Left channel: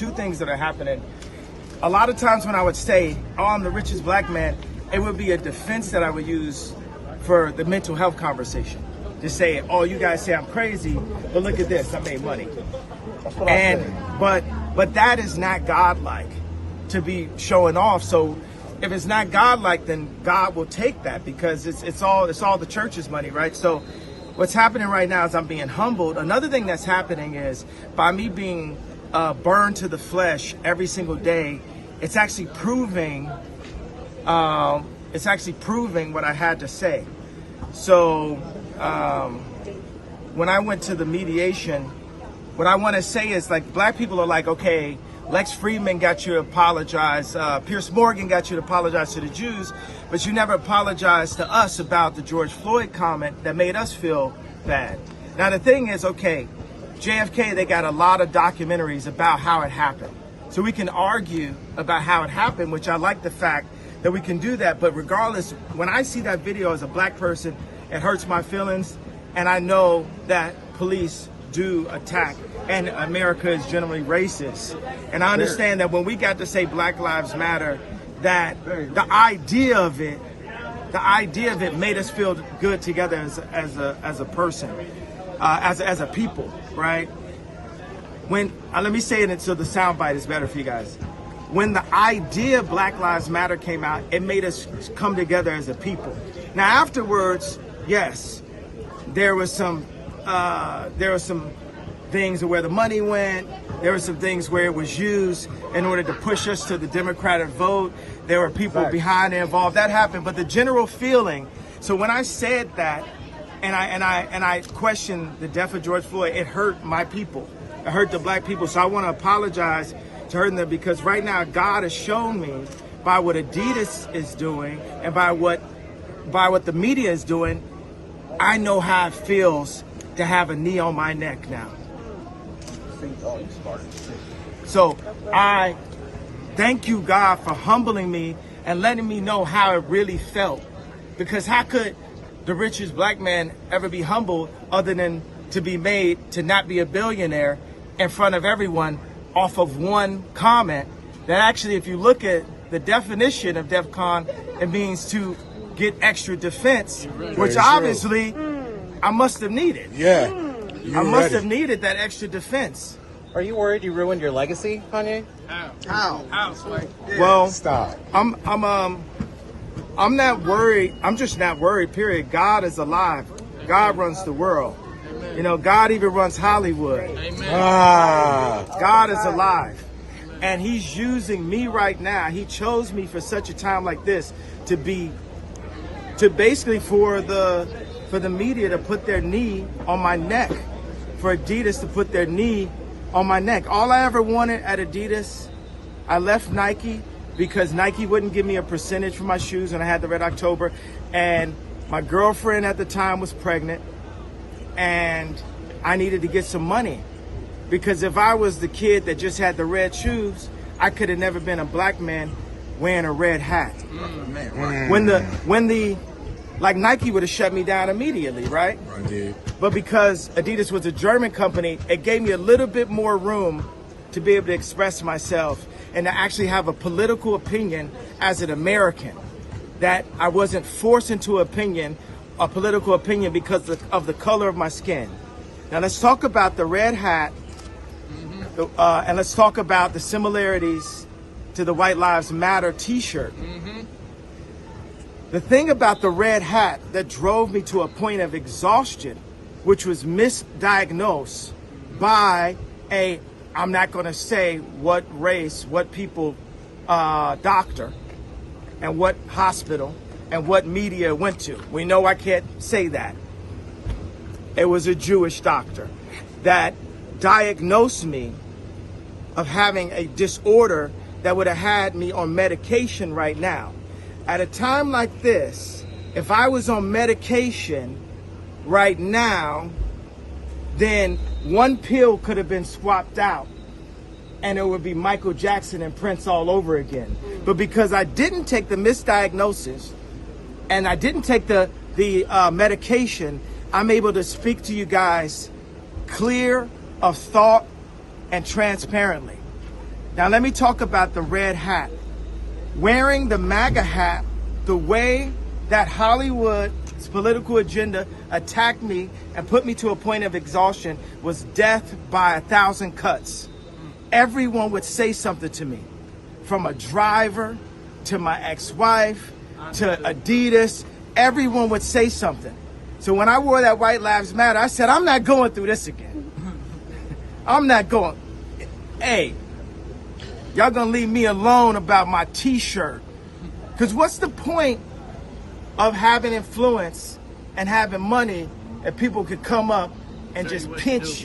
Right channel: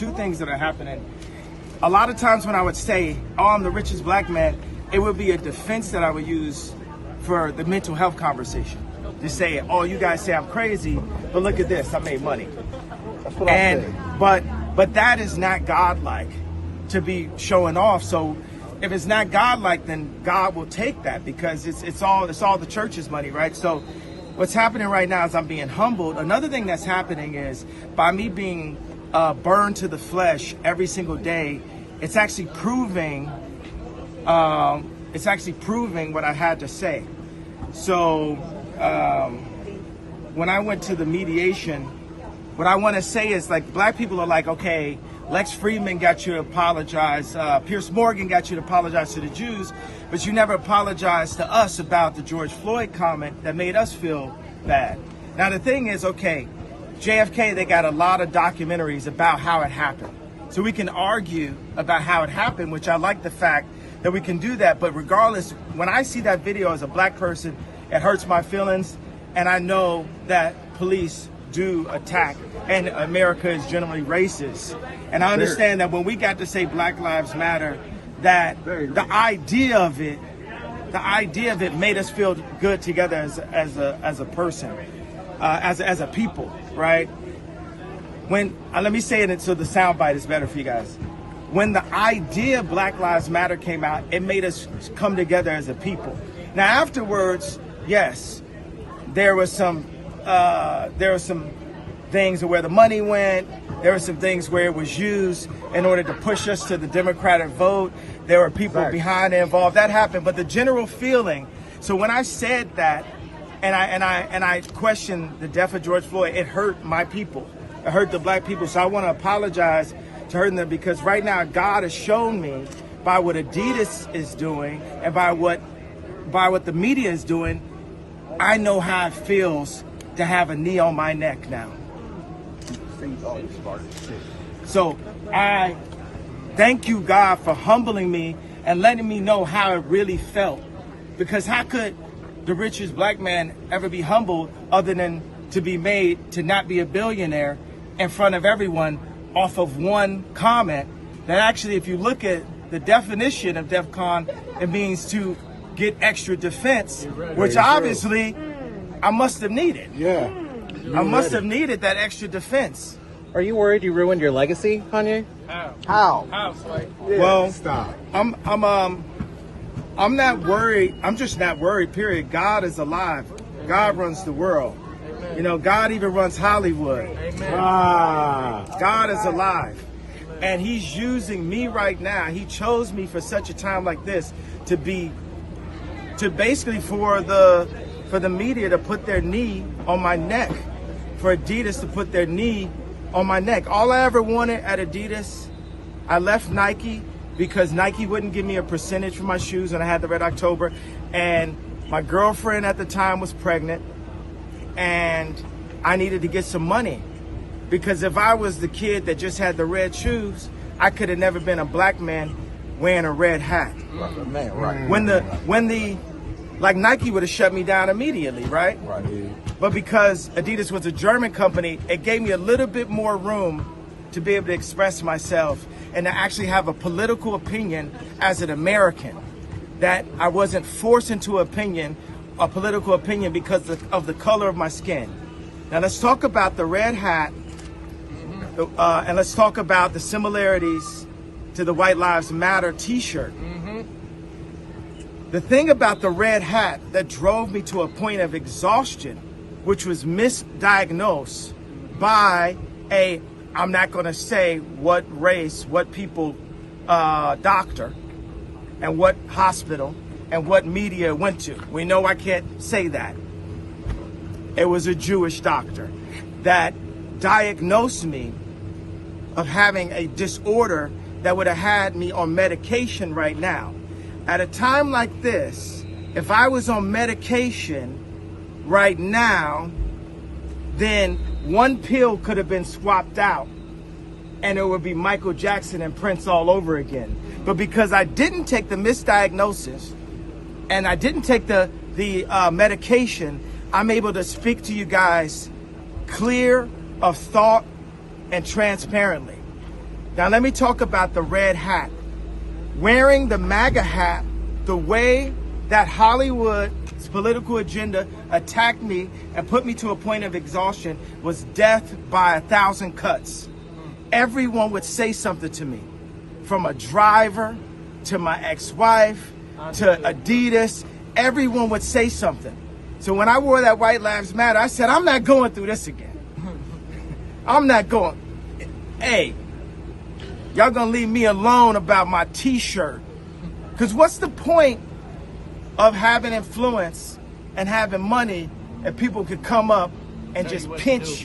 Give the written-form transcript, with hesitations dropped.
two things that are happening. A lot of times when I would say, oh, I'm the richest black man, it would be a defense that I would use for the mental health conversation. To say, oh, you guys say I'm crazy, but look at this, I made money. But that is not godlike to be showing off. So if it's not godlike, then God will take that, because it's all the church's money, right? So what's happening right now is I'm being humbled. Another thing that's happening is by me being burned to the flesh every single day, it's actually proving what I had to say. So when I went to the mediation, what I want to say is, like, black people are like, okay, Lex Friedman got you to apologize, Pierce Morgan got you to apologize to the Jews, but you never apologized to us about the George Floyd comment that made us feel bad. Now the thing is, okay, JFK, they got a lot of documentaries about how it happened. So we can argue about how it happened, which I like the fact that we can do that. But regardless, when I see that video as a black person, it hurts my feelings. And I know that police do attack, and America is generally racist. And I understand that when we got to say Black Lives Matter, that the idea of it made us feel good together as a person, as a people, right? When let me say it so the soundbite is better for you guys. When the idea of Black Lives Matter came out, it made us come together as a people. Now afterwards, yes, there was some things where the money went. There were some things where it was used in order to push us to the Democratic vote. There were people behind it involved. That happened, but the general feeling. So when I said that, and I questioned the death of George Floyd, it hurt my people. It hurt the black people. So I want to apologize to hurting them, because right now God has shown me by what Adidas is doing and by what the media is doing, I know how it feels to have a knee on my neck now. So I thank you, God, for humbling me and letting me know how it really felt. Because how could the richest black man ever be humbled other than to be made to not be a billionaire in front of everyone off of one comment that actually, if you look at the definition of DEF CON, it means to get extra defense, which obviously I must have needed. Yeah. I must have needed that extra defense. Are you worried you ruined your legacy, Kanye? How? Yeah. Well, Stop. I'm not worried. I'm just not worried, period. God is alive. God runs the world. You know, God even runs Hollywood. God is alive. And he's using me right now. He chose me for such a time like this to basically for the media to put their knee on my neck, for Adidas to put their knee on my neck. All I ever wanted at Adidas, I left Nike because Nike wouldn't give me a percentage for my shoes when I had the Red October. And my girlfriend at the time was pregnant, and I needed to get some money. Because if I was the kid that just had the red shoes, I could have never been a black man wearing a red hat. Right. Like Nike would have shut me down immediately, right? Right. But because Adidas was a German company, it gave me a little bit more room to be able to express myself and to actually have a political opinion as an American, that I wasn't forced into a political opinion because of the color of my skin. Now let's talk about the red hat, and let's talk about the similarities to the White Lives Matter t-shirt. The thing about the red hat that drove me to a point of exhaustion, which was misdiagnosed by I'm not going to say what race, what people, doctor, and what hospital, and what media went to. We know I can't say that. It was a Jewish doctor that diagnosed me of having a disorder that would have had me on medication right now. At a time like this, if I was on medication right now, then one pill could have been swapped out and it would be Michael Jackson and Prince all over again. But because I didn't take the misdiagnosis and I didn't take the medication, I'm able to speak to you guys clear of thought and transparently. Now let me talk about the red hat. Wearing the MAGA hat, the way that Hollywood's political agenda attacked me and put me to a point of exhaustion was death by 1,000 cuts. Everyone would say something to me, from a driver to my ex-wife to Adidas. Everyone would say something. So when I wore that White Lives Matter, I said, I'm not going through this again. I'm not going. Hey, y'all gonna leave me alone about my t-shirt. Because what's the point of having influence and having money if people could come up and just pinch you?